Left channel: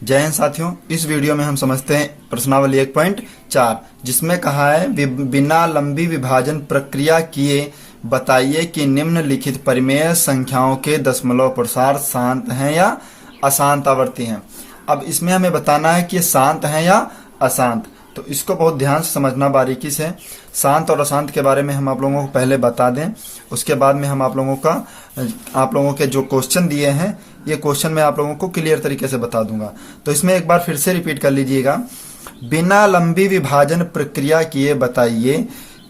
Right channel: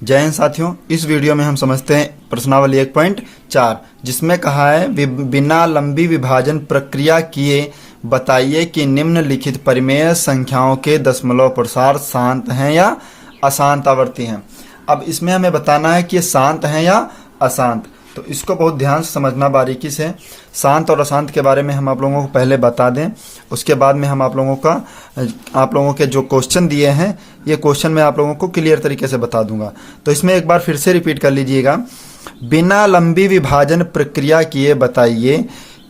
जय हिंद साथियों, इस वीडियो में हम समझते हैं प्रश्नावली 1.4 जिसमें कहा है बिना लंबी विभाजन प्रक्रिया किए बताइए कि निम्नलिखित परिमेय संख्याओं के दशमलव प्रसार शांत हैं या अशांत आवर्ती हैं। अब इसमें हमें बताना है कि ये शांत हैं या अशांत, तो इसको बहुत ध्यान से समझना बारीकी से। शांत और अशांत के बारे में हम आप लोगों को पहले बता दें, उसके बाद में हम आप लोगों के जो क्वेश्चन दिए हैं ये क्वेश्चन मैं आप लोगों को क्लियर तरीके से बता दूंगा। तो इसमें एक बार फिर से रिपीट कर लीजिएगा। बिना लंबी विभाजन प्रक्रिया किए बताइए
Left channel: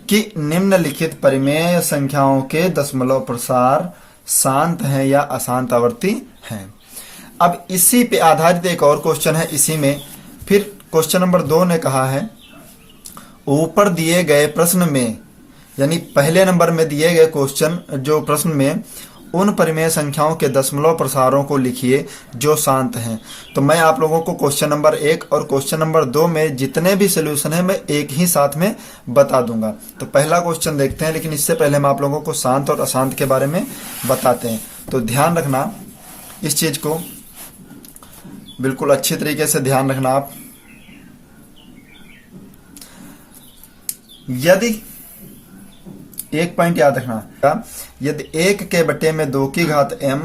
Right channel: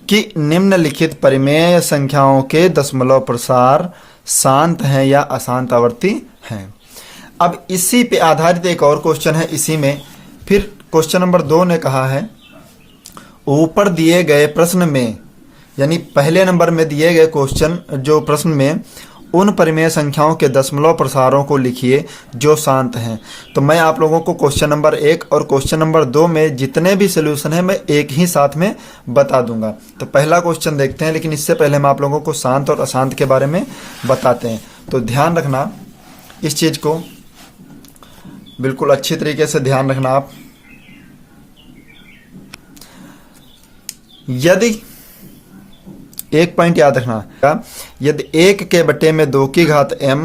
कि निम्नलिखित परिमेय संख्याओं के दशमलव प्रसार शांत हैं या अशांत आवर्ती हैं। अब इसी पे आधारित एक और क्वेश्चन है। इसी में फिर क्वेश्चन नंबर 2 ने कहा है ऊपर दिए गए प्रश्न में, यानी पहले नंबर में दिए गए क्वेश्चन जो प्रश्न में उन परिमेय संख्याओं के दशमलव प्रसारों को लिखिए जो शांत हैं। तो मैं आप लोगों को क्वेश्चन नंबर 1 और क्वेश्चन नंबर 2 में जितने भी सोल्यूशन है मैं एक ही साथ में बता दूंगा। तो पहला क्वेश्चन देखते हैं, लेकिन इससे पहले हम आप लोगों को शांत और अशांत के बारे में बताते हैं। तो ध्यान रखना इस चीज को, बिल्कुल अच्छी तरीके से ध्यान रखना आप। यदि एक पॉइंट याद रखना, यदि 1 के बटे में 2 की घात m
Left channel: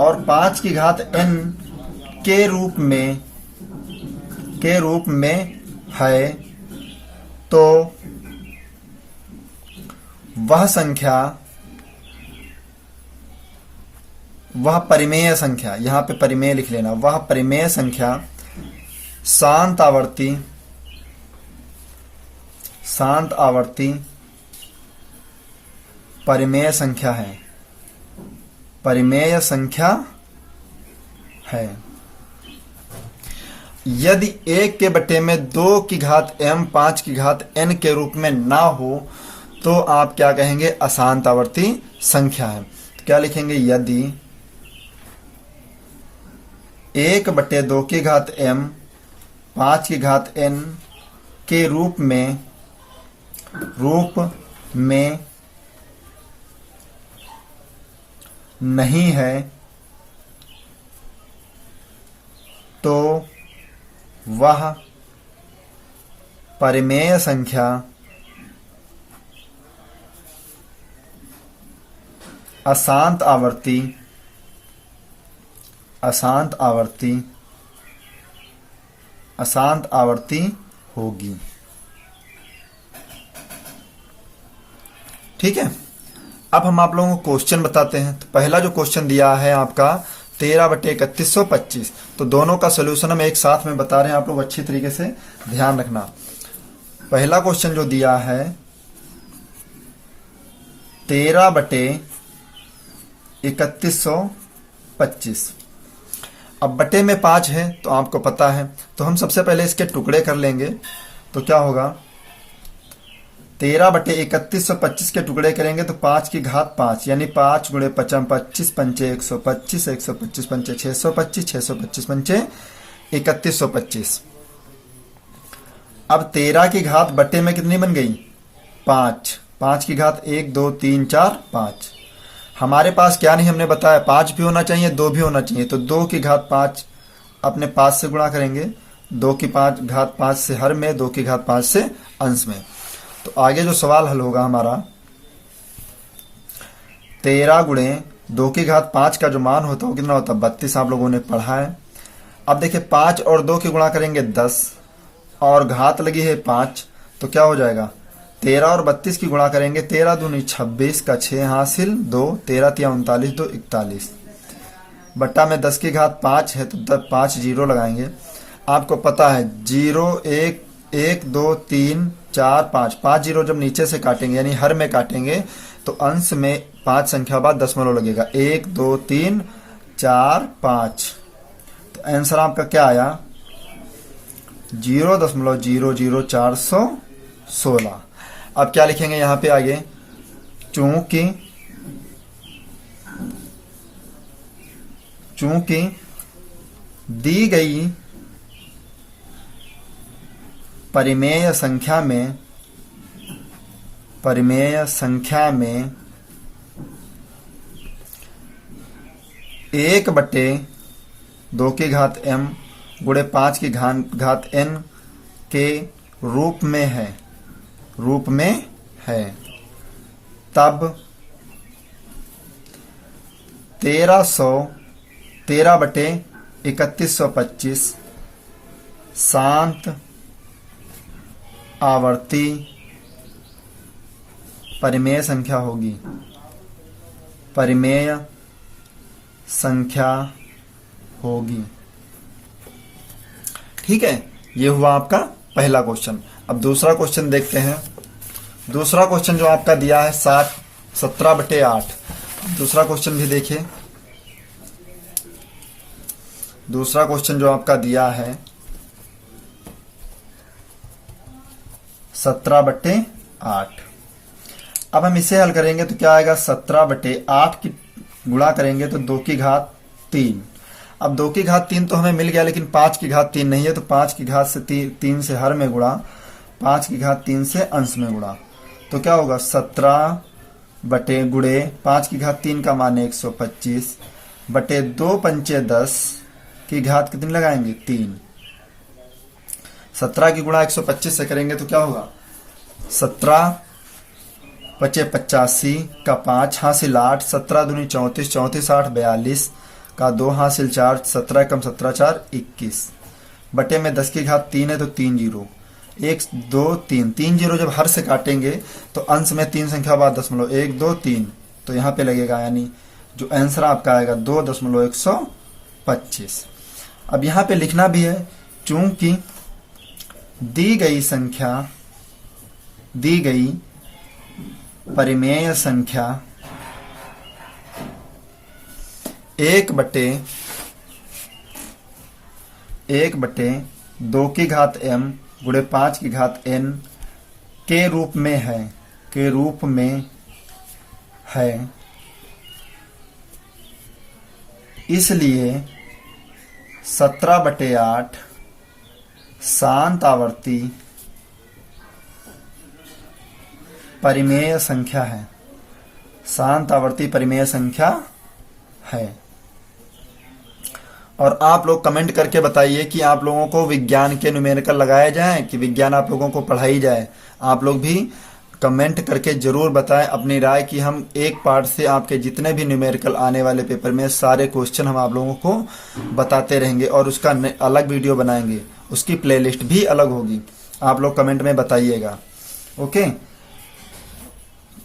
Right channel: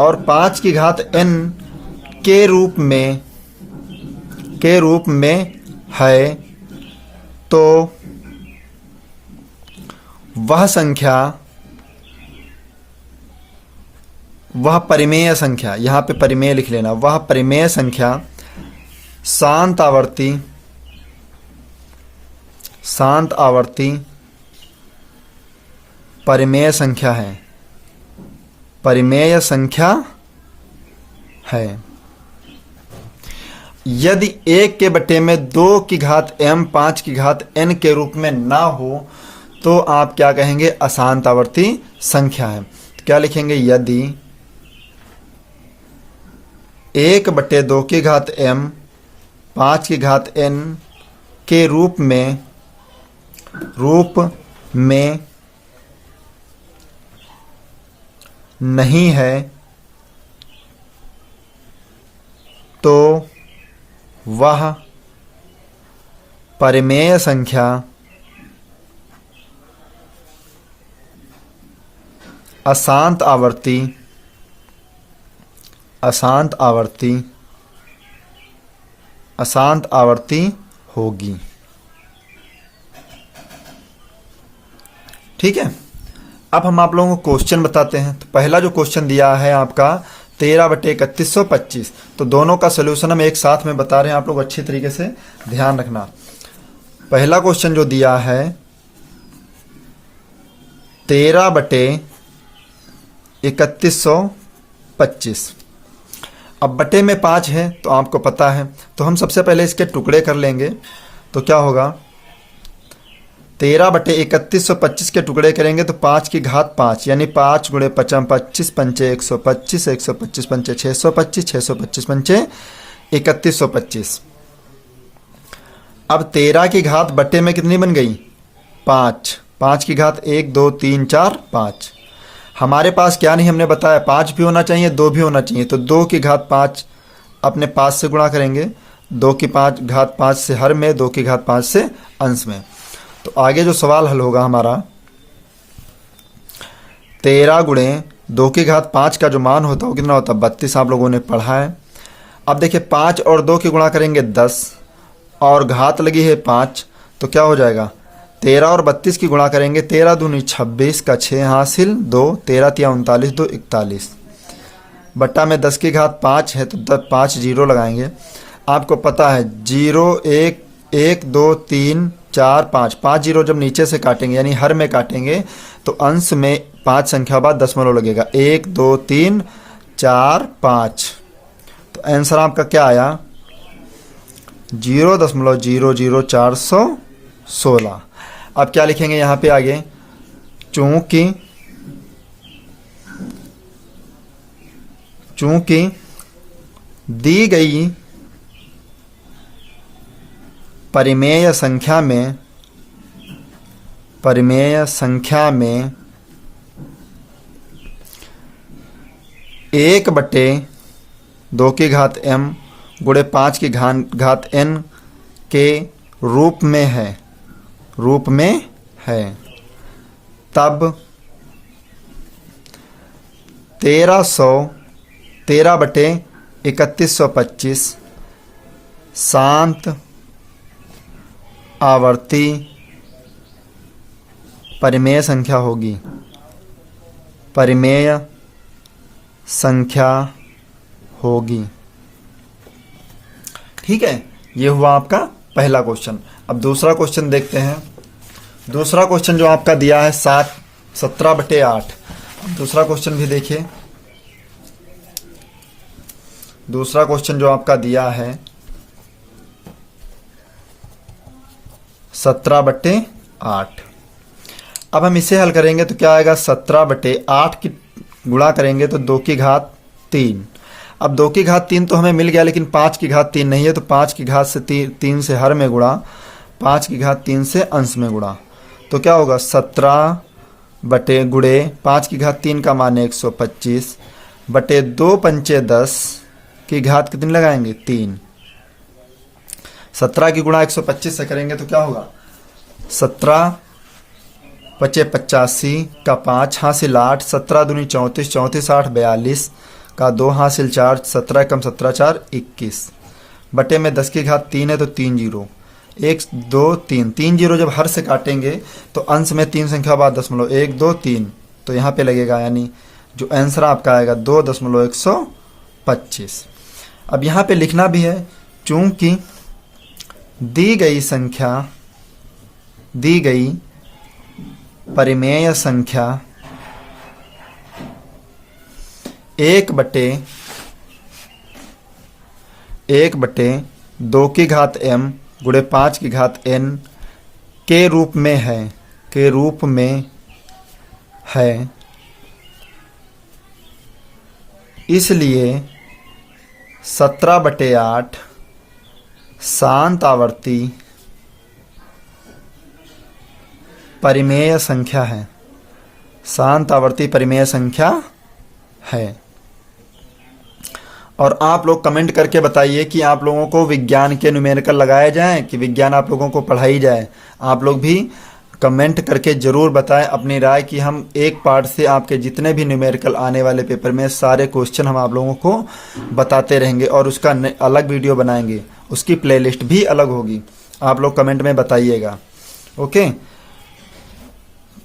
और 5 की घात n के रूप में है तो वह परिमेय संख्या, यहां पे परिमेय लिख लेना, वह परिमेय संख्या शांत आवर्ती परिमेय संख्या है। यदि 1 के बटे में 2 की घात m 5 की घात n के रूप में ना हो तो आप क्या कहेंगे? अशांत आवर्ती संख्या है। तो क्या लिखेंगे? यदि 1 बटे 2 की घात m 5 की घात n के रूप में नहीं है तो वह परिमेय संख्या अशांत आवर्ती होगी। ठीक है, अब हम आप लोगों को क्वेश्चन बताते हैं। तो पहला जो क्वेश्चन दिया है आपका 13/3125, तो दोनों का सोल्यूशन हम एक साथ में बता रहे हैं, आप लोग अच्छी तरीके से ध्यान रखना। पहला क्वेश्चन जो दिया है 13/3125, अब बटे में 5 है तो आपको पता है, तो हम सबसे पहले इसके टुकड़े कर लेंगे। तो क्या होगा? 13/3125 के टुकड़े करेंगे तो 5 की घात 5 यानी 5 गुणे 5 25 पंचे 125 125 पंचे 625 625 पंचे 3125। अब 13 की घात बटे में कितनी बन गई? 5। 5 की घात 1 2 3 4 5। हमारे पास क्या नहीं, हमने बताया 5 भी होना चाहिए 2 भी होना चाहिए। तो 2 की घात 5 अपने 5 से गुणा करेंगे, 2 की घात 5 से हर में, 2 की घात 5 से अंश में। तो आगे जो सवाल हल होगा हमारा 13 गुणे 2 की घात 5 का जो मान होता है वो कितना होता है? 32। आप लोगों ने पढ़ा है। अब देखिए 5 और 2 की गुणा करेंगे 10 और घात लगी है 5, तो क्या हो जाएगा? 13 और 32 की गुणा करेंगे, 13 दूनी 26 का 6 हासिल 2, 13 तिया 39 2 41 बट्टा में 10 की घात 5 है तो 5 जीरो लगाएंगे। आपको पता है 0 1 1 2 3 4 5, 5 जीरो जब नीचे से काटेंगे यानी हर में काटेंगे तो अंश में 5 संख्या बाद दशमलव लगेगा, 1 2 3 4 5। तो आंसर आपका क्या आया? 0.00416। अब क्या लिखेंगे यहां पे आगे? चूंकि दी गई परिमेय संख्या में 1 बटे 2 की घात m गुणे 5 की घात n के रूप में है तब 13/3125 शांत आवर्ती परिमेय संख्या होगी। ठीक है, ये हुआ आपका पहला क्वेश्चन। अब दूसरा क्वेश्चन देखते हैं। दूसरा क्वेश्चन जो आपका दिया है 17/8। दूसरा क्वेश्चन भी देखिए। दूसरा क्वेश्चन जो आपका दिया है 17/8। अब हम इसे हल करेंगे तो क्या आएगा, 17/8 की गुणा करेंगे तो 2 की घात 3। अब 2 की घात 3 तो हमें मिल गया, लेकिन 5 की घात 3 नहीं है, तो 5 की घात से 3 से हर में गुणा, 5 की घात 3 से अंश में गुणा, तो क्या होगा 17 बटे गुणे 5 की घात 3 का मान 125 बटे 2 पंचे 10 की घात कितनी लगाएंगे 3। 17 की गुणा 125 से करेंगे तो क्या होगा 17 पचे 85 का 5 हासिल 8, 17 दूनी 34, 34 8 42 का 2 हासिल 4, 17 कम 17 4 21 बटे में 10 की घात 3 है तो 3 जीरो, 1 2 3, 3 जीरो जब हर से काटेंगे तो अंश में 3 संख्या बाद 1 2 3, तो यहाँ पे लगेगा, यानी जो आंसर आपका आएगा 2.125। अब यहाँ पे लिखना भी है, चूंकि दी गई परिमेय संख्या 1 बटे 2 की घात m गुणे 5 की घात n के रूप में है, इसलिए 17/8 शांत आवर्ती परिमेय संख्या है। शांत आवर्ती परिमेय संख्या है। और आप लोग कमेंट करके बताइए कि आप लोगों को विज्ञान के न्यूमेरिकल लगाए जाएं कि विज्ञान आप लोगों को पढ़ाई जाए। आप लोग भी कमेंट करके जरूर बताएं अपनी राय कि हम एक पार्ट से आपके जितने भी न्यूमेरिकल आने वाले पेपर में सारे क्वेश्चन हम आप लोगों को बताते रहेंगे और उसका अलग वीडियो बनाएंगे, उसकी प्लेलिस्ट भी अलग होगी। आप लोग कमेंट में बताइएगा। ओके,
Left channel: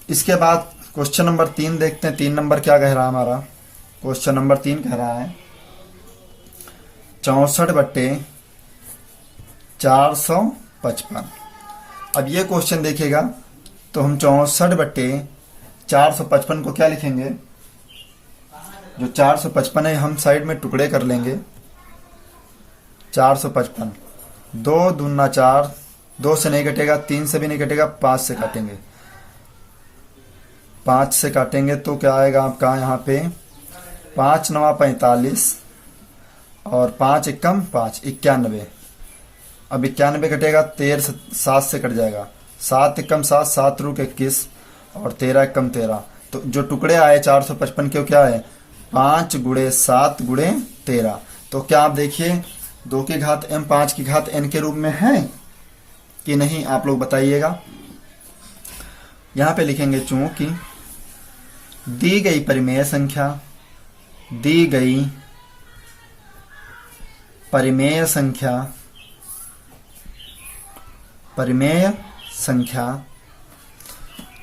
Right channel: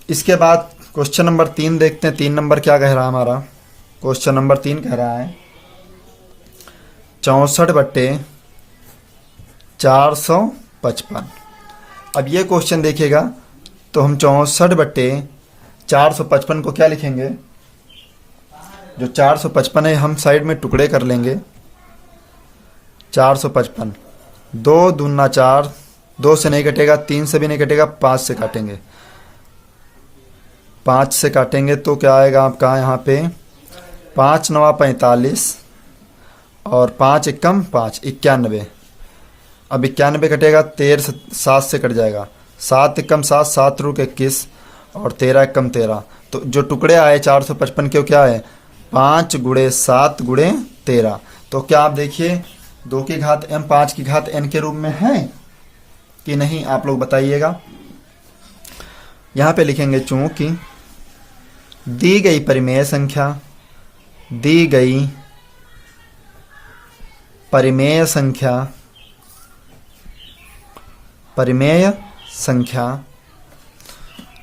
इसके बाद क्वेश्चन नंबर 3 देखते हैं। 3 नंबर क्या कह रहा है हमारा, क्वेश्चन नंबर 3 कह रहा है 64/455। अब ये क्वेश्चन देखिएगा तो हम 64/455 को क्या लिखेंगे, जो 455 है हम साइड में टुकड़े कर लेंगे। 455 2 दूना 4, 2 से नहीं कटेगा, 3 से भी नहीं कटेगा, 5 से काटेंगे। 5 से काटेंगे तो क्या आएगा आपका यहाँ पे 5 9 45 और 5 एकम 5 91। अब 91 कटेगा, 13 से 7 से कट जाएगा, 7 एकम 7, 7 रूट 21 और 13 एकम 13। तो जो टुकड़े आए 455 के क्या है 5 गुणे 7 गुणे 13। तो क्या आप देखिए 2 की घात m 5 की घात n के रूप में है कि नहीं, आप लोग बताइएगा। यहां पे लिखेंगे चूंकि दी गई परिमेय संख्या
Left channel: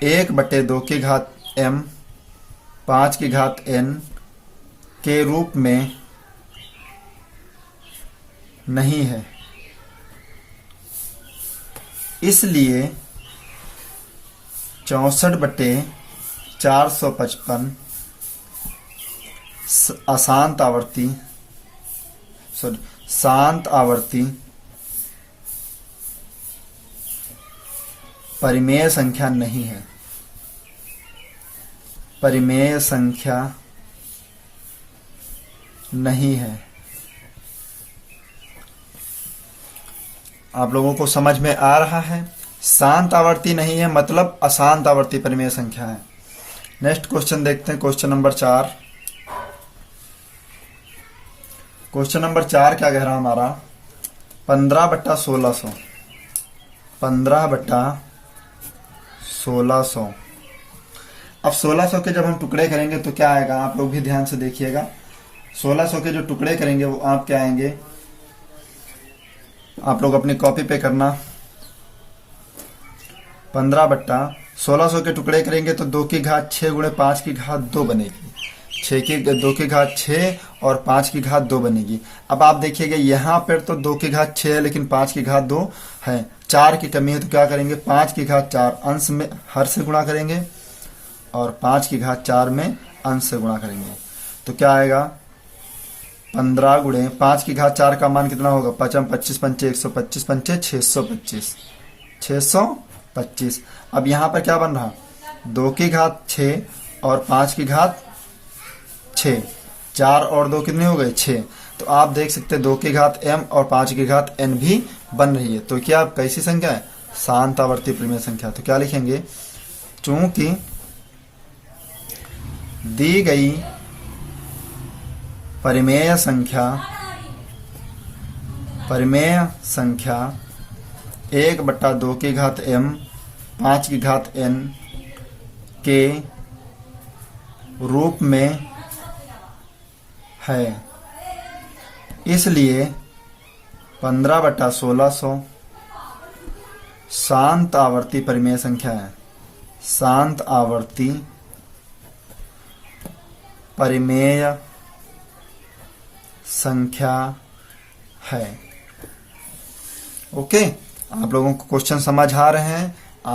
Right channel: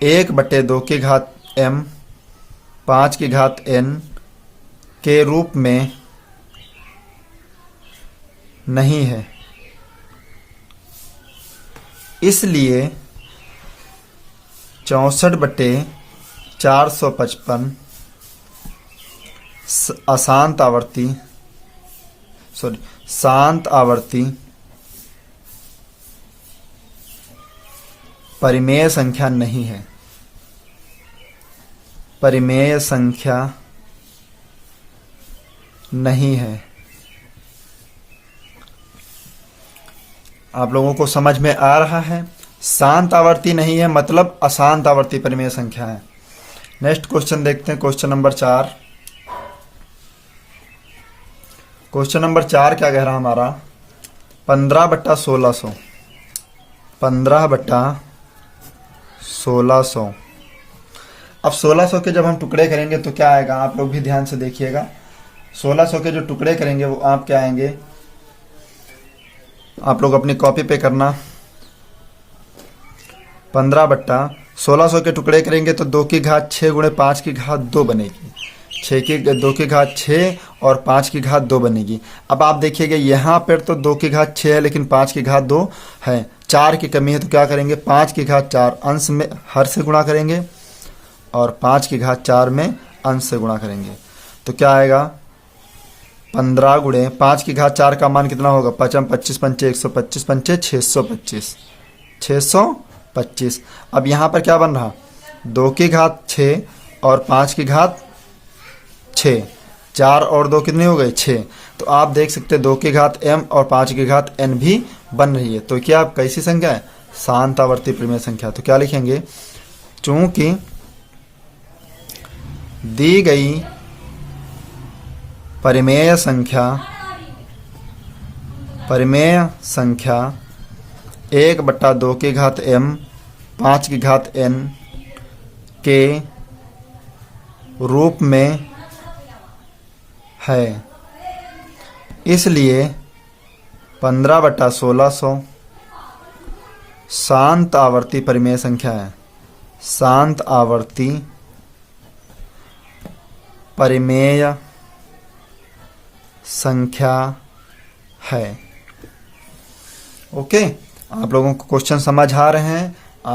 1 बटे 2 की घात m 5 की घात n के रूप में नहीं है, इसलिए 64/455 शांत आवर्ती परिमेय संख्या नहीं है। परिमेय संख्या नहीं है। आप लोगों को समझ में आ रहा है? शांत आवर्ती नहीं है मतलब अशांत आवर्ती परिमेय संख्या है। नेक्स्ट क्वेश्चन देखते हैं, क्वेश्चन नंबर 4। क्वेश्चन नंबर 4 क्या कह रहा है हमारा, 15/1600, 15/1600। अब 1600 के जब हम टुकड़े करेंगे तो क्या आएगा, आप लोग भी ध्यान से देखिएगा। 1600 के जो टुकड़े करेंगे वो आप क्या आएंगे, आप लोग अपनी कॉपी पे करना। 15/1600 के टुकड़े करेंगे तो 2 की घात 6 गुणे 5 की घात 2 बनेगी। 2 की घात 6 और 5 की घात 2 बनेगी। अब आप देखिएगा यहाँ पर तो 2 की घात 6 है लेकिन 5 की घात 2 है, 4 की कमी है, तो क्या करेंगे 5 की घात 4 अंश में हर से गुणा करेंगे और 5 की घात 4 में अंश से गुणा करेंगे। तो क्या आएगा 15 गुणे 5 की घात 4 का मान कितना होगा, 5 25 पंचे 125 पंचे 625, 625। अब यहाँ पर क्या बन रहा, 2 की घात 6 और 5 की घात 6, 4 और 2 कितने हो गए 6। तो आप देख सकते हैं 2 की घात m और 5 की घात n भी बन रही है। तो क्या कैसी संख्या है, शांत आवर्ती परिमेय संख्या। तो क्या लिखेंगे, चूंकि दी गई परिमेय संख्या 1/2 की घात m 5 की घात n के रूप में है, इसलिए 15/1600 शांत आवर्ती परिमेय संख्या है, शांत आवर्ती परिमेय संख्या है। ओके, आप लोगों को क्वेश्चन समझ आ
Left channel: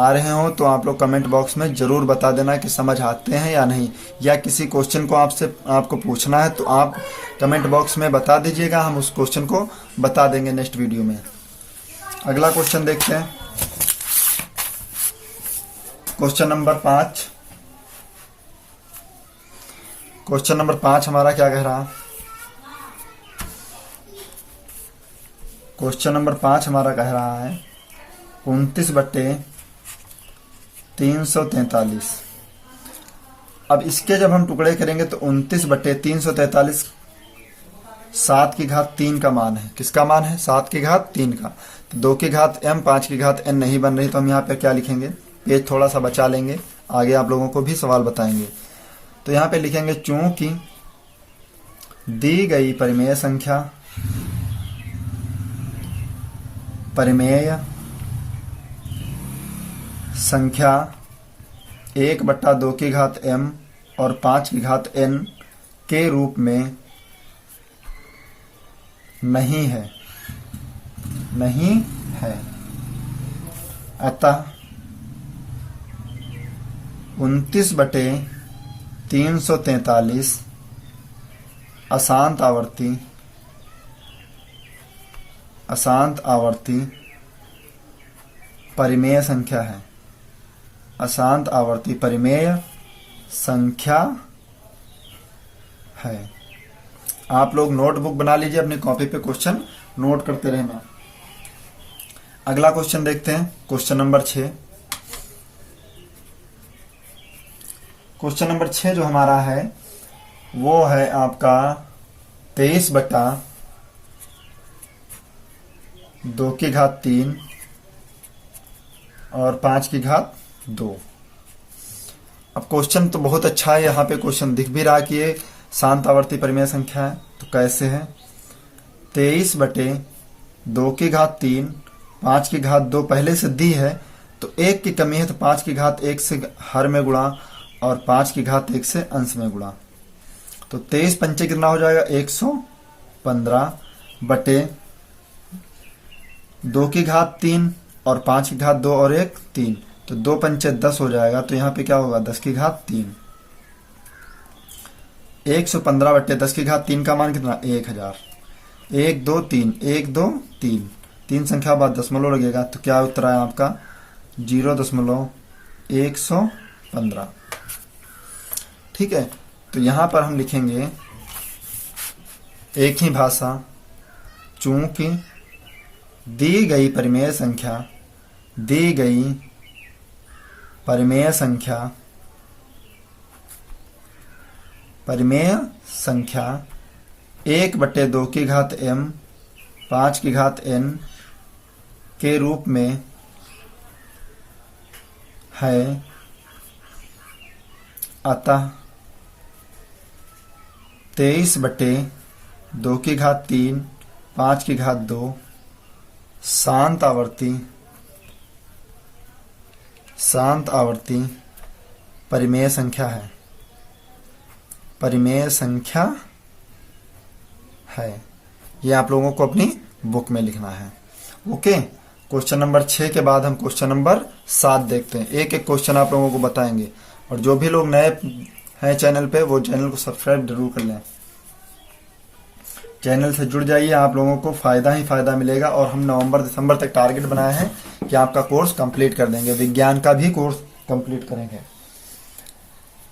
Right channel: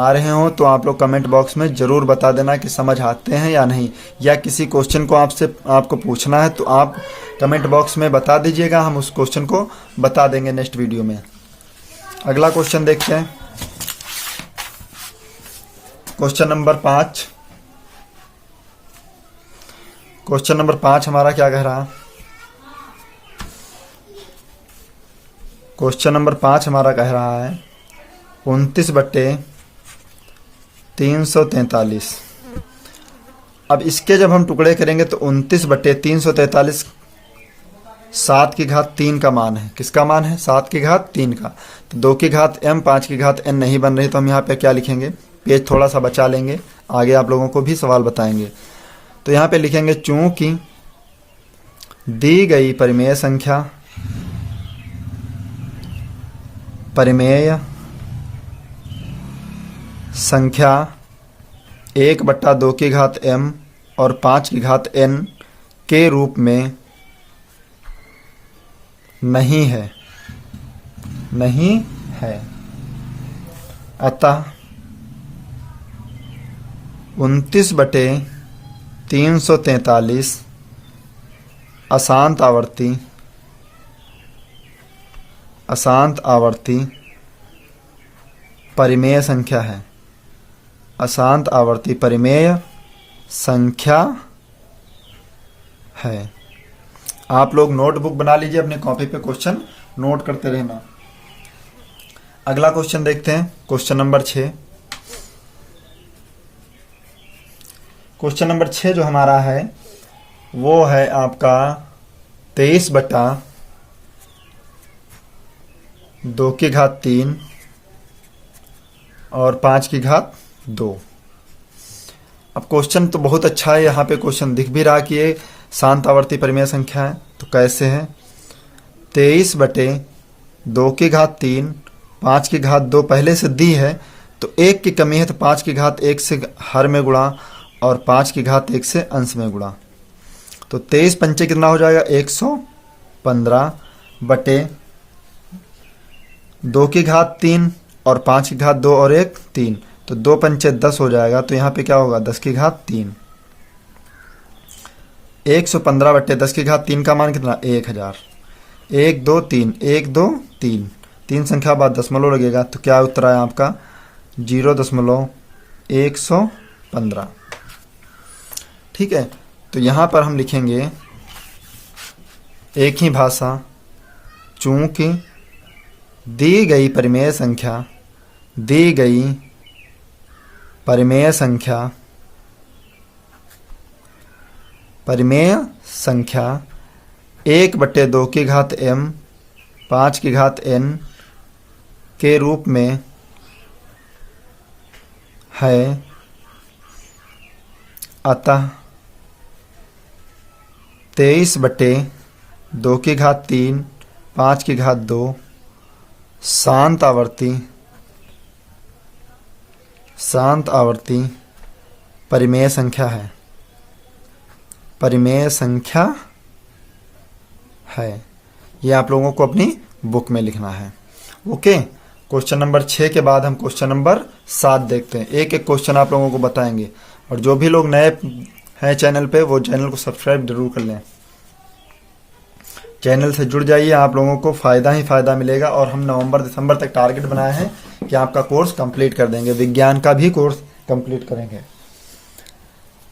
रहे हो तो आप लोग कमेंट बॉक्स में जरूर बता देना कि समझ आते हैं या नहीं, या किसी क्वेश्चन को आपको पूछना है तो आप कमेंट बॉक्स में बता दीजिएगा, हम उस क्वेश्चन को बता देंगे नेक्स्ट वीडियो में। अगला क्वेश्चन देखते हैं, क्वेश्चन नंबर 5। क्वेश्चन नंबर 5 हमारा क्या कह रहा, क्वेश्चन नंबर 5 हमारा कह रहा है 29/343। अब इसके जब हम टुकड़े करेंगे तो 29/343 7 की घात 3 का मान है। किसका मान है, 7 की घात 3 का। तो 2 की घात m 5 की घात n नहीं बन रही, तो हम यहाँ पे क्या लिखेंगे, पेज थोड़ा सा बचा लेंगे, आगे आप लोगों को भी सवाल बताएंगे। तो यहाँ पे लिखेंगे चूंकि दी गई परिमेय संख्या 1/2 की घात m और 5 की घात n के रूप में नहीं है, अतः 29/343 अशांत आवर्ती परिमेय संख्या है, अशांत आवर्ती परिमेय संख्या है। आप लोग नोटबुक बना लीजिए, अपनी कॉपी पे क्वेश्चन नोट करते रहना। अगला क्वेश्चन देखते हैं, क्वेश्चन नंबर 6। क्वेश्चन नंबर 6 जो हमारा है वो है आपका 23/2 की घात 3 और 5 की घात 2। अब क्वेश्चन तो बहुत अच्छा है, यहाँ पे क्वेश्चन दिख भी रहा कि ये शांत आवर्ती परिमेय संख्या है। तो कैसे है, 23/2 की घात 3 5 की घात 2 पहले से दी है, तो 1 की कमी है तो 5 की घात 1 से हर में गुणा और 5 की घात 1 से अंश में गुणा। तो 23 पंचे कितना हो जाएगा, 115 बटे 2 की घात 3 और 5 की घात 2 और 1 3, तो 2 पंचे 10 हो जाएगा। तो यहाँ पे क्या होगा, 10 की घात 3। 115 बटे 10 की घात 3 का मान कितना, 1000। 1 2 3 1 2 3 3 संख्या बाद दशमलव लगेगा, तो क्या उत्तर आया आपका 0.115। ठीक है, तो यहाँ पर हम लिखेंगे एक ही भाषा, चूंकि दी गई परिमेय संख्या 1/2 5n के रूप में है, अतः 23/2 5/2 शांत आवर्ती परिमेय संख्या है। परिमेय संख्या है। ये आप लोगों को अपनी बुक में लिखना है। ओके, क्वेश्चन नंबर 6 के बाद हम क्वेश्चन नंबर 7 देखते हैं। एक एक क्वेश्चन आप लोगों को बताएंगे, और जो भी लोग नए हैं चैनल पे वो चैनल को सब्सक्राइब जरूर कर लें। चैनल से जुड़ जाइए, आप लोगों को फायदा ही फायदा मिलेगा। और हम नवंबर दिसंबर तक टारगेट बनाया है कि आपका कोर्स कंप्लीट कर देंगे, विज्ञान का भी कोर्स कंप्लीट करेंगे।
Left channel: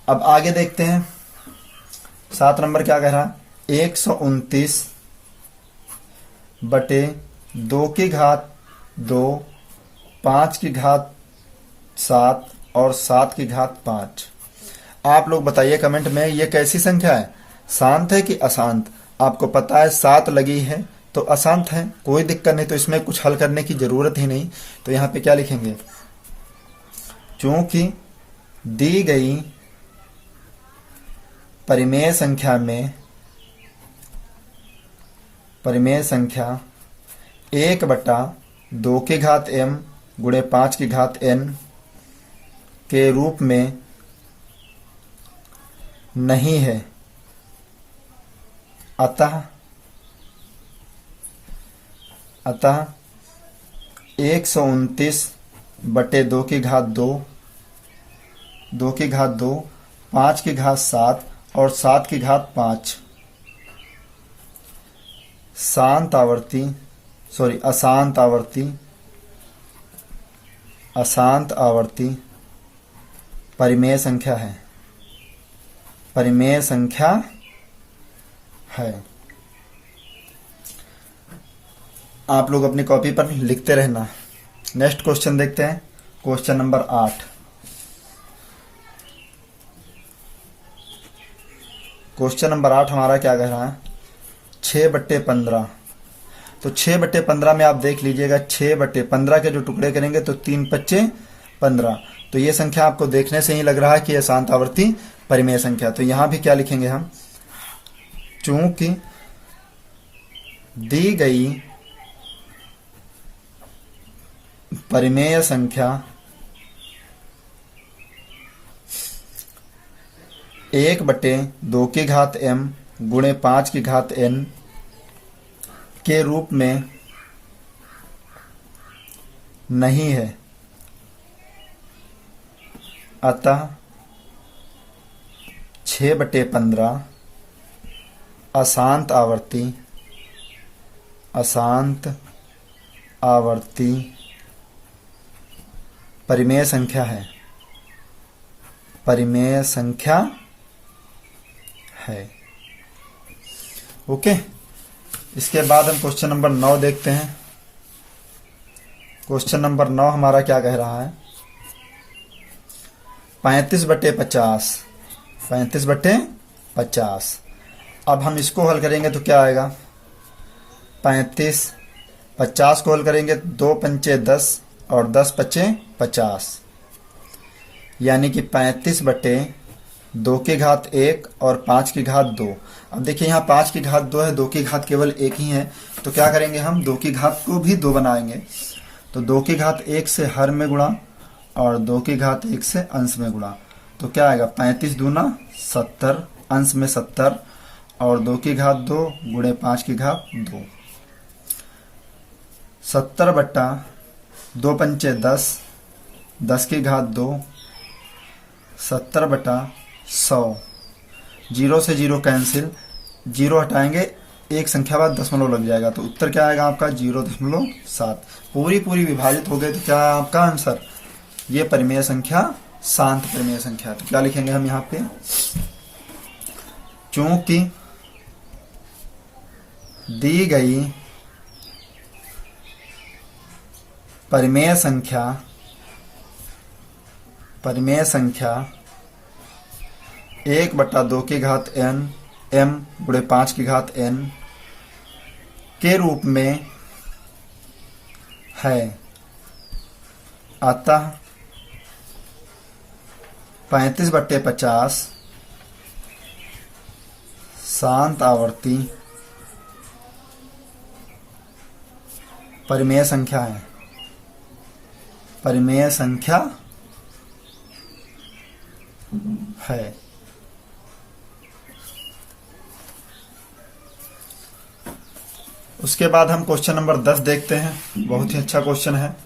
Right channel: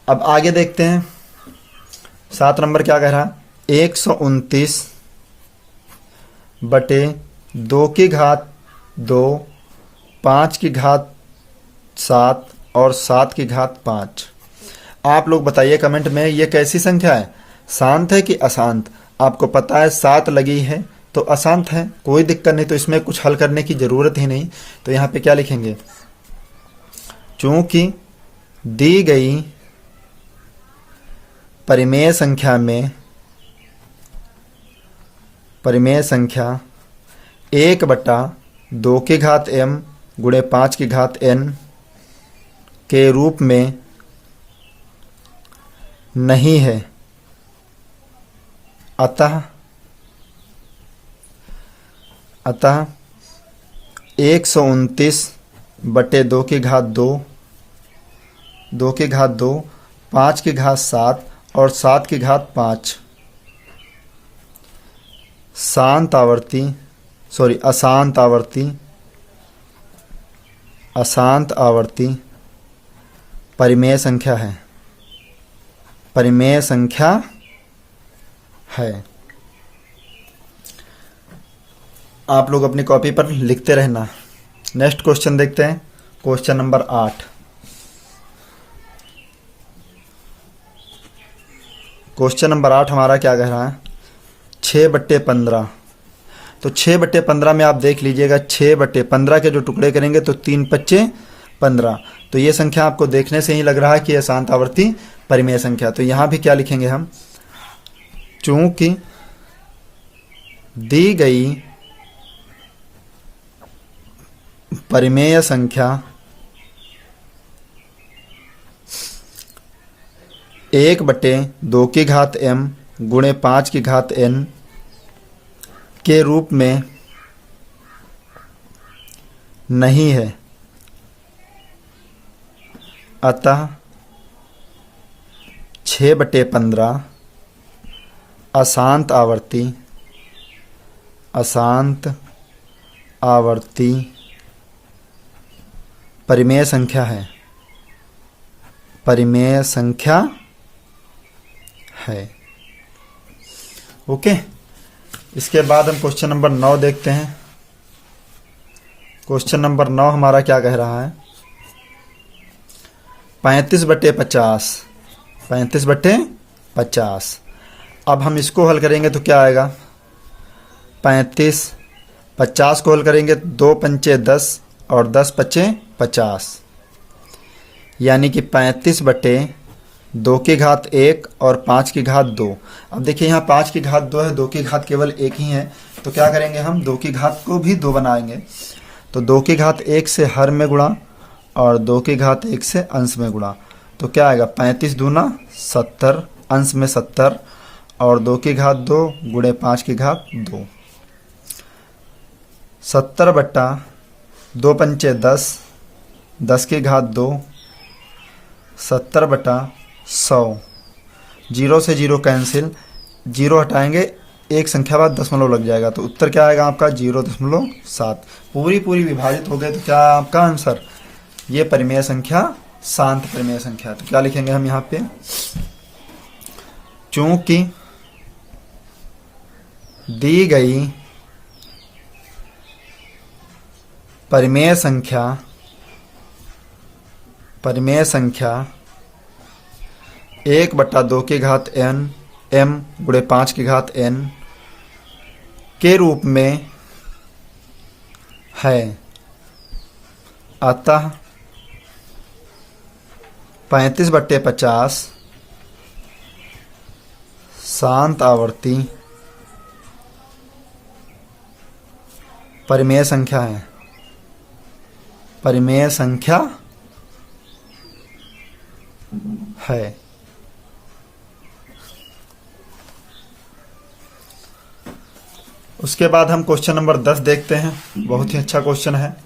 अब आगे देखते हैं 7 नंबर क्या कह रहा। 129/2 5/7 और 7/5। आप लोग बताइए कमेंट में, ये कैसी संख्या है? शांत है कि अशांत? आपको पता है 7 लगी है तो अशांत है, कोई दिक्कत नहीं, तो इसमें कुछ हल करने की जरूरत ही नहीं। तो यहां पे क्या लिखेंगे? चूंकि दी गई परिमेय संख्या 1/2m गुणे 5n के रूप में नहीं है, अतः 129/2 5/7 और 7/5 अशांत आवर्ती परिमेय संख्या है। परिमेय संख्या है। आप लोग अपनी कॉपी पर लिखते रहना। नेक्स्ट क्वेश्चन देखते हैं, क्वेश्चन नंबर 8। क्वेश्चन नंबर 8 हमारा क्या कह रहा है? 6/15। तो 6/15 में आप देख लीजिएगा, 6/15 के जो टुकड़े करेंगे तो 3×5 = 15। तो ये संख्या आपको देखने से ही लग रहा है कि यह शांत आवर्ती परिमेय संख्या। तो यहां भी क्या लिखेंगे हम? चूंकि दी गई परिमेय संख्या 1/2m गुणे 5n के रूप में नहीं है, अतः 6/15 अशांत आवर्ती परिमेय संख्या है। परिमेय संख्या है। ओके, इसके बाद हम क्वेश्चन नंबर 9 देखते हैं। क्वेश्चन नंबर 9 हमारा क्या कह रहा है? 35/50। 35/50। अब हम इसको हल करेंगे तो क्या आएगा? 50 को हल करेंगे 2×5 = 10 और 10×5 = 50, यानी कि 35/2 और 5/2। अब देखिए यहाँ 5/2 है, 2 केवल एक ही है, तो क्या करेंगे हम? 2 को भी 2 बनाएंगे। तो 2 से हर में गुणा और 2 से अंश में गुणा, तो क्या आएगा? 35 दूना 70, अंश में 70 और 2 गुणे 5/2। 70/2×5 = 10, 10/2 70/100। 0 से 0 कैंसिल, 0 हटाएंगे, एक संख्या बाद दशमलव लग जाएगा, तो उत्तर क्या आएगा आपका? 0.7। पूरी विभाजित हो गए तो क्या आपका आंसर? ये परिमेय संख्या शांत परिमेय संख्या। तो क्या लिखेंगे हम यहाँ पे? चूंकि दी गई परिमेय संख्या 1/2n m गुणे 5 की घात n के रूप में है, अतः 35/50 शांत आवर्ती परिमेय संख्या है। परिमेय संख्या है। उसके बाद हम क्वेश्चन नंबर 10 देखते हैं। बहुत ही अच्छा क्वेश्चन है।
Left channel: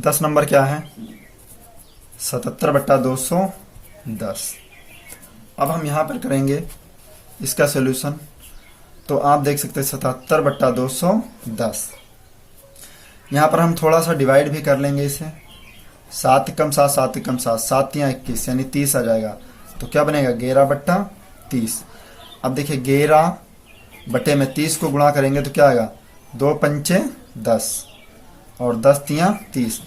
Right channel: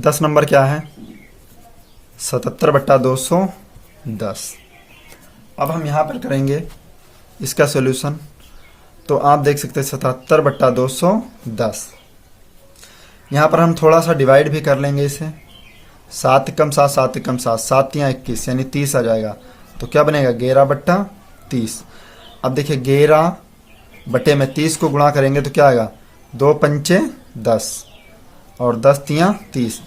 10 नंबर क्या है? 77/210। अब हम यहां पर करेंगे इसका सॉल्यूशन। तो आप देख सकते हैं 77/210। यहां पर हम थोड़ा सा डिवाइड भी कर लेंगे इसे। 7 कम 7, 7 कम 7, 7 या 21 यानी 30 आ जाएगा। तो क्या बनेगा? 11/30। अब देखिए 11 बटे में 30 को गुणा करेंगे तो क्या आएगा? 2 पंचे 10 और 10 तियां 30।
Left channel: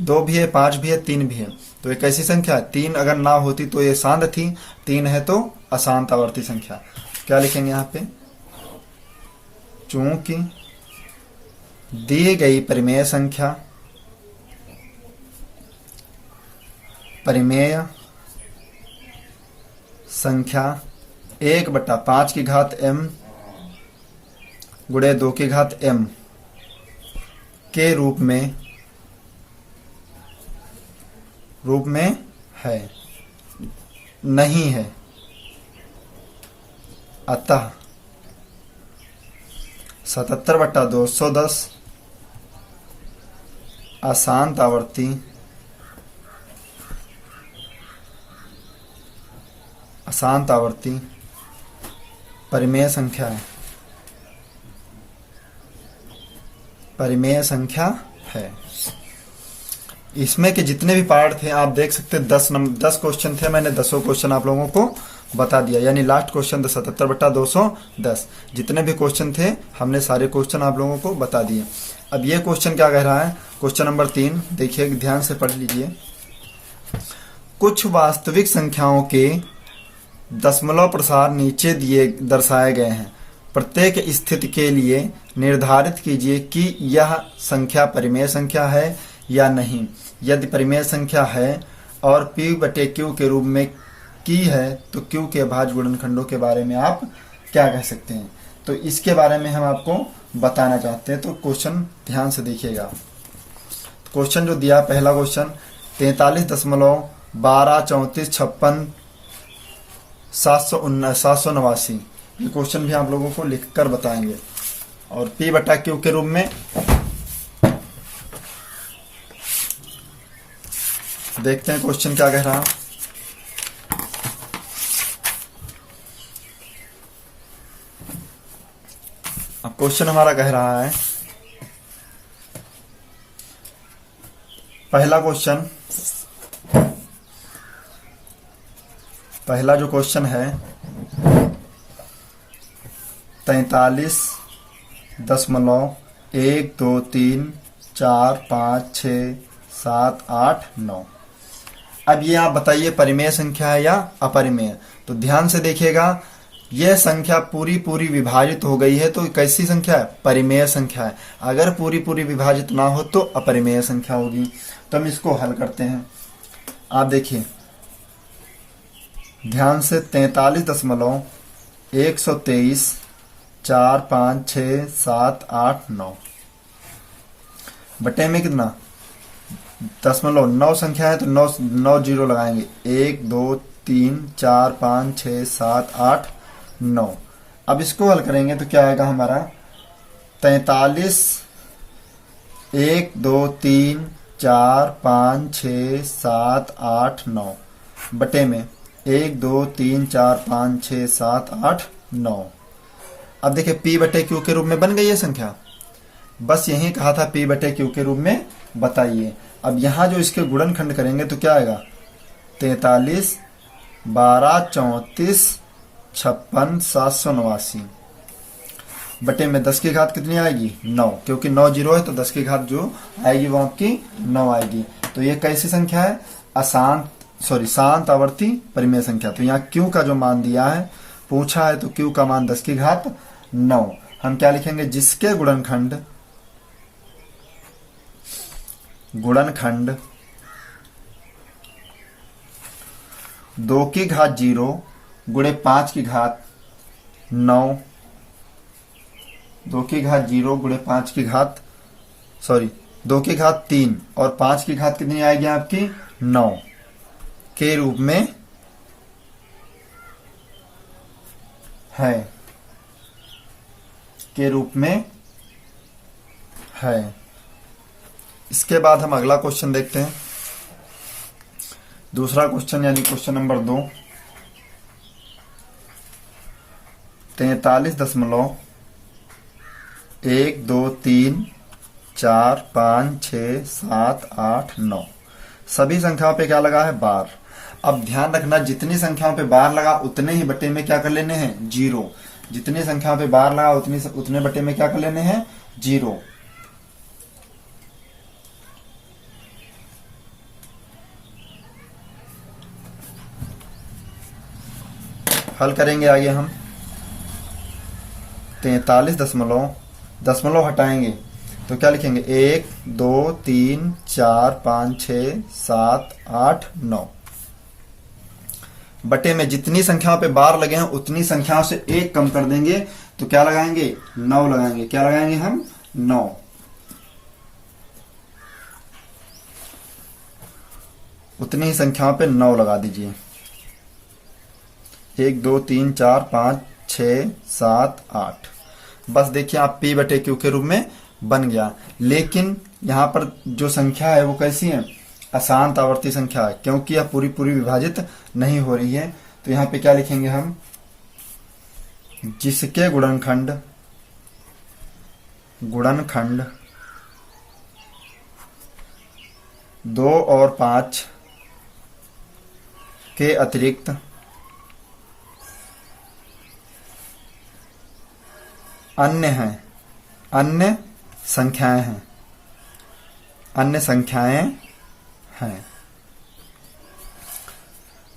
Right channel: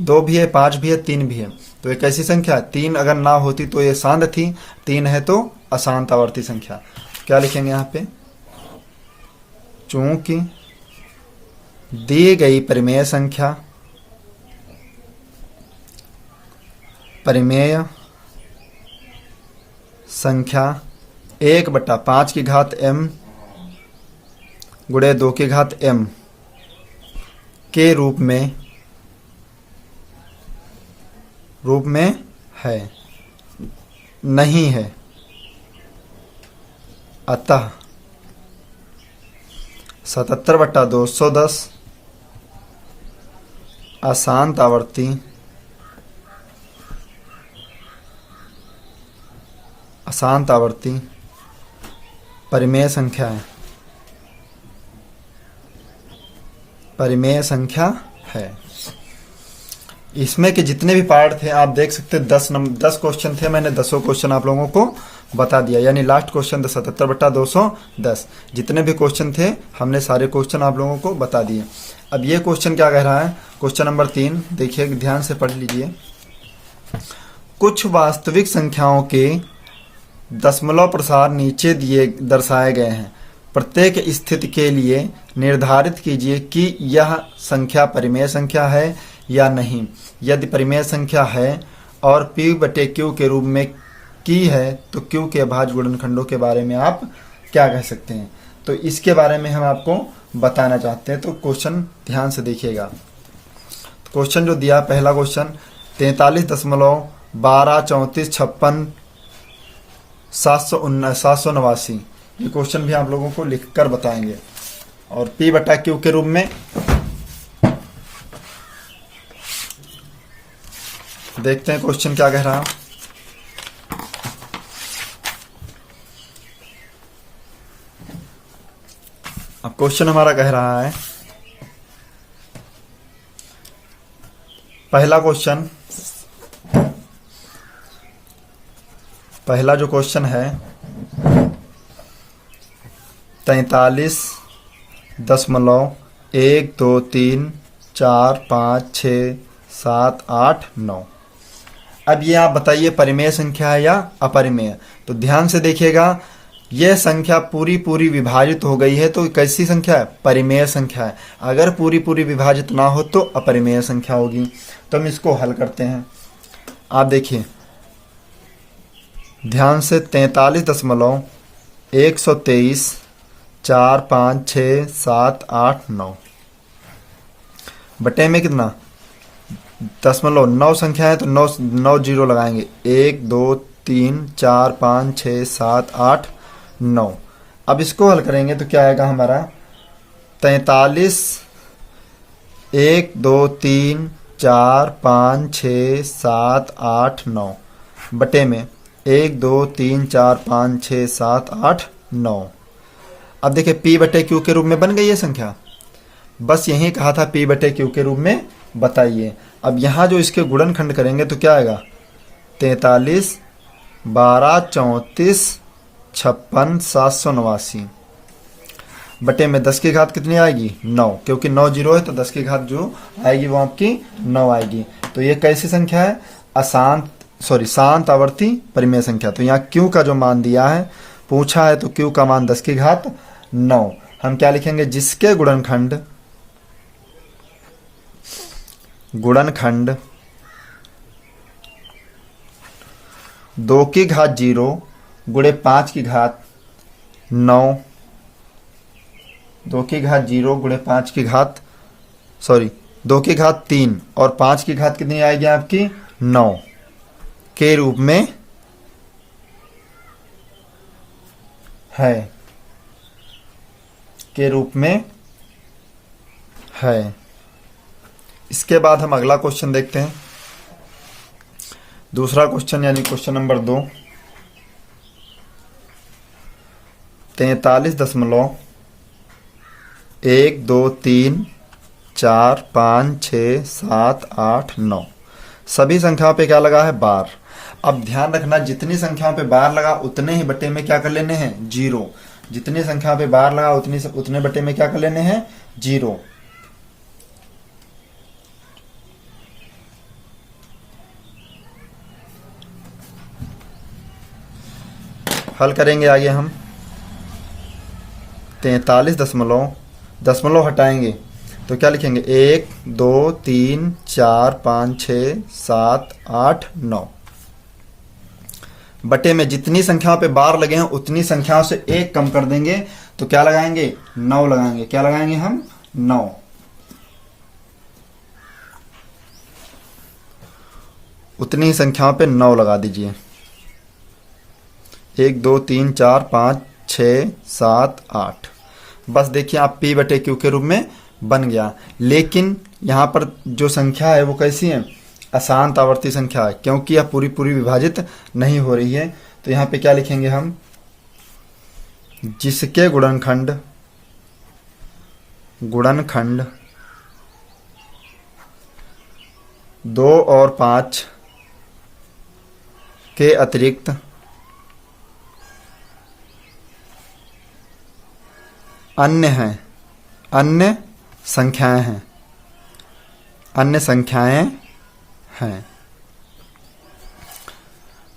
2 भी है, 5 भी है, 3 भी है। तो एक ऐसी संख्या 3 अगर ना होती तो ये शांत थी, 3 है तो अशांत आवर्ती संख्या। क्या लिखेंगे यहाँ पे? चूंकि दी गई परिमेय संख्या संख्या 1/5 की घात m गुणे 2 की घात m के रूप में है, नहीं है, अतः 77/210 अशांत आवर्ती परिमेय संख्या है। परिमेय संख्या है। इसमें के जितने भी पार्ट थे आप देख सकते हैं। 10 क्वेश्चन थे, मैंने 10 क्वेश्चन आप लोगों को बता दिया। यानी लास्ट क्वेश्चन था 77/210। जितने भी क्वेश्चन थे हमने सारे क्वेश्चन आप लोगों को बता दिए। अब ये क्वेश्चन क्या कह रहा है? क्वेश्चन नंबर 3 देखिए, ध्यान से पढ़ लीजिए। कुछ वास्तविक संख्याओं के दशमलव प्रसार नीचे दिए दर्शाए गए हैं। प्रत्येक स्थिति के लिए निर्धारित कीजिए कि यह संख्या परिमेय संख्या है या नहीं। यदि परिमेय संख्या है और P/Q के रूप में की है तो Q के अभाज्य गुणनखंडों के बारे में आप क्या कह सकते हैं? तो इसके बारे में हम आपको बताना चाहते हैं। तो क्वेश्चन ध्यान से देखिएगा। क्वेश्चन जो दिया, पहला क्वेश्चन 43.123456 ये क्वेश्चन भी आप लोगों को लिखकर बताएंगे। और P/Q के रूप में देखते हैं क्वेश्चन क्या कह रहा है। अब क्वेश्चन हमारा कह रहा है, पहला जो क्वेश्चन है 43.123456789। अब ये आप बताइए परिमेय संख्या है या अपरिमेय। तो ध्यान से देखिएगा, यह संख्या पूरी विभाजित हो गई है तो कैसी संख्या है? परिमेय संख्या है। अगर पूरी विभाजित ना हो तो अपरिमेय संख्या होगी। तो हम इसको हल करते हैं। आप देखिए ध्यान से, 43.123456789 बटे में कितना? दशमलव 9 संख्या है तो 9 जीरो लगाएंगे। 1 2 3 4 5 6 7 8 9। अब इसको हल करेंगे तो क्या आएगा हमारा? 43 1 2 3 4 5 6 7 8 9 बटे में 1 2 3 4 5 6 7 8 9। अब देखिए P/Q के रूप में बन गई है संख्या। बस यही कहा था P/Q के रूप में बताइए। अब यहां जो इसके गुणनखंड करेंगे तो क्या आएगा? 43 12 34 56 789 बटे में 10 की घात कितनी आएगी? 9, क्योंकि 9 जीरो है तो 10 की घात जो आएगी वो आपकी 9 आएगी। तो ये कैसी संख्या है? अशांत शांत आवर्ती परिमेय संख्या। तो यहाँ Q का जो मान दिया है, पूछा है, तो Q का मान 10 की घात 9। हम क्या लिखेंगे, जिसके गुणनखंड 2 की घात 0 गुणे 5 की घात 9, 2 की घात 0 गुणे 5 की घात 2 की घात 3 और 5 की घात कितनी आएगी आपकी 9 के रूप में है। इसके बाद हम अगला क्वेश्चन देखते हैं। दूसरा क्वेश्चन यानी क्वेश्चन नंबर 2, 43.123456789 सभी संख्याओं पे क्या लगा है, बार। अब ध्यान रखना, जितनी संख्याओं पे बार लगा उतने ही बटे में क्या कर लेने हैं, 0। जितनी संख्या पे बार लगा उतने बटे में क्या कर लेने हैं, 0। हल करेंगे आगे हम। 43 दशमलव हटाएंगे तो क्या लिखेंगे, 1 2 3 4 5 6 7 8 9 बटे में जितनी संख्याओं पे बार लगे हैं उतनी संख्याओं से 1 कम कर देंगे तो क्या लगाएंगे, 9 लगाएंगे। क्या लगाएंगे हम, 9। उतनी संख्याओं पे 9 लगा दीजिए। 1 2 3 4 5 6 7 8। बस देखिए आप P बटे Q के रूप में बन गया। लेकिन यहाँ पर जो संख्या है वो कैसी है, अशांत आवर्ती संख्या है, क्योंकि यह पूरी विभाजित नहीं हो रही है। तो यहाँ पे क्या लिखेंगे हम, जिसके गुणनखंड 2 और 5 के अतिरिक्त अन्य संख्याएं हैं।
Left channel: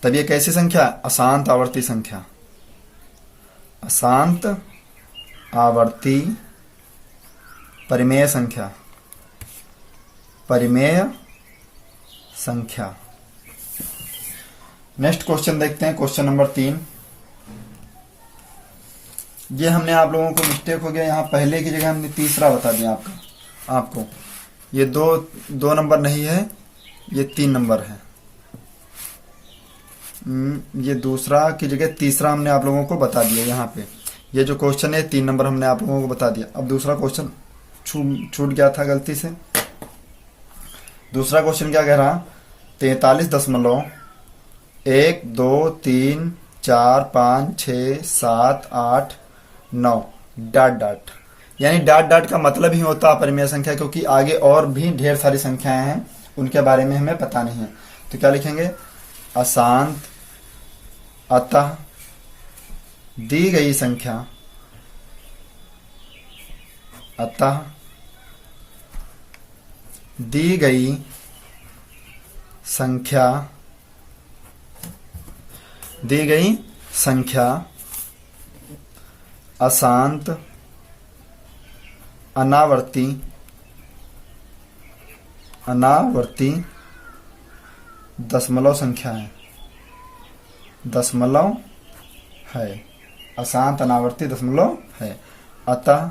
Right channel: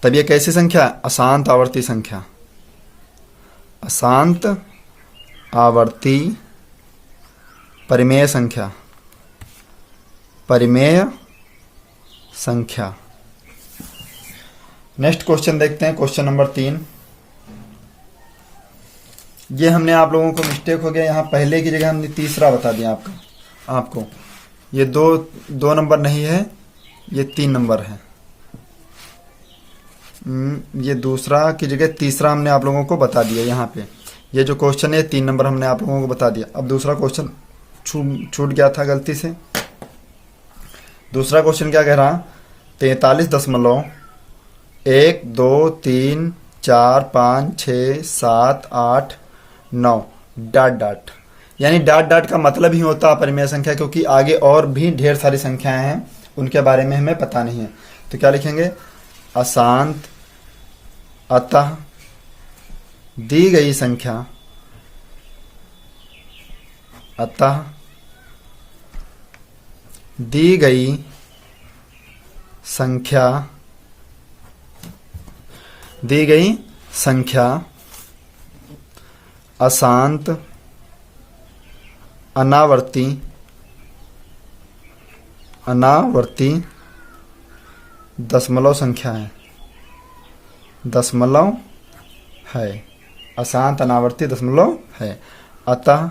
तब ये कैसी संख्या, अशांत आवर्ती संख्या। अशांत आवर्ती परिमेय संख्या। नेक्स्ट क्वेश्चन देखते हैं, क्वेश्चन नंबर 3। ये हमने आप लोगों को मिस्टेक हो गया, यहाँ पहले की जगह हमने तीसरा बता दिया आपको। ये दो नंबर नहीं है, ये 3 नंबर है। ये दूसरा की जगह तीसरा हमने आप लोगों को बता दिया। यहाँ पे ये जो क्वेश्चन है 3 नंबर हमने आप लोगों को बता दिया। अब दूसरा क्वेश्चन छूट गया था गलती से। दूसरा क्वेश्चन क्या कह रहा, 43.123456789 ... यानी ... का मतलब ही होता है परिमेय संख्या, क्योंकि आगे और भी ढेर सारी संख्याएं हैं, उनके बारे में हमें पता नहीं है। तो क्या लिखेंगे, अशांत अतः दी गई संख्या अशांत अनावर्ती दशमलव संख्या है। अशांत अनावर्ती दशमलव है। अतः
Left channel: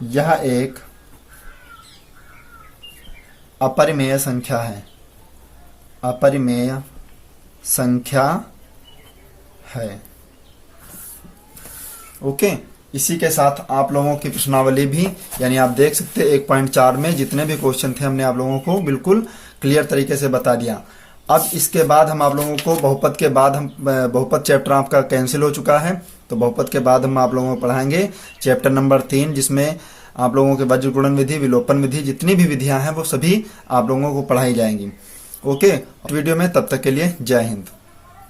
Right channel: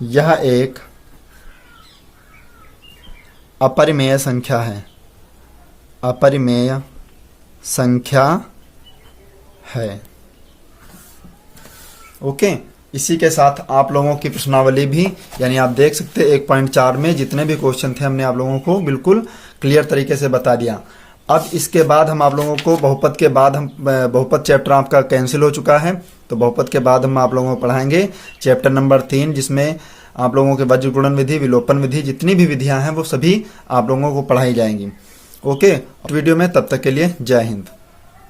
यह एक अपरिमेय संख्या है। ओके, इसी के साथ आप लोगों की प्रश्नावली भी, यानी आप देख सकते 1.4 में जितने भी क्वेश्चन थे हमने आप लोगों को बिल्कुल क्लियर तरीके से बता दिया। अब इसके बाद हम आप लोगों को बहुपद चैप्टर आपका कैंसिल हो चुका है, तो बहुपद के बाद हम आप लोगों को पढ़ाएंगे चैप्टर नंबर 3, जिसमें आप लोगों के वज्र गुणन विधि, विलोपन विधि, जितनी भी विधियां हैं वो सभी आप लोगों को पढ़ाई जाएंगी। ओके, वीडियो में तब तक के लिए जय हिंद।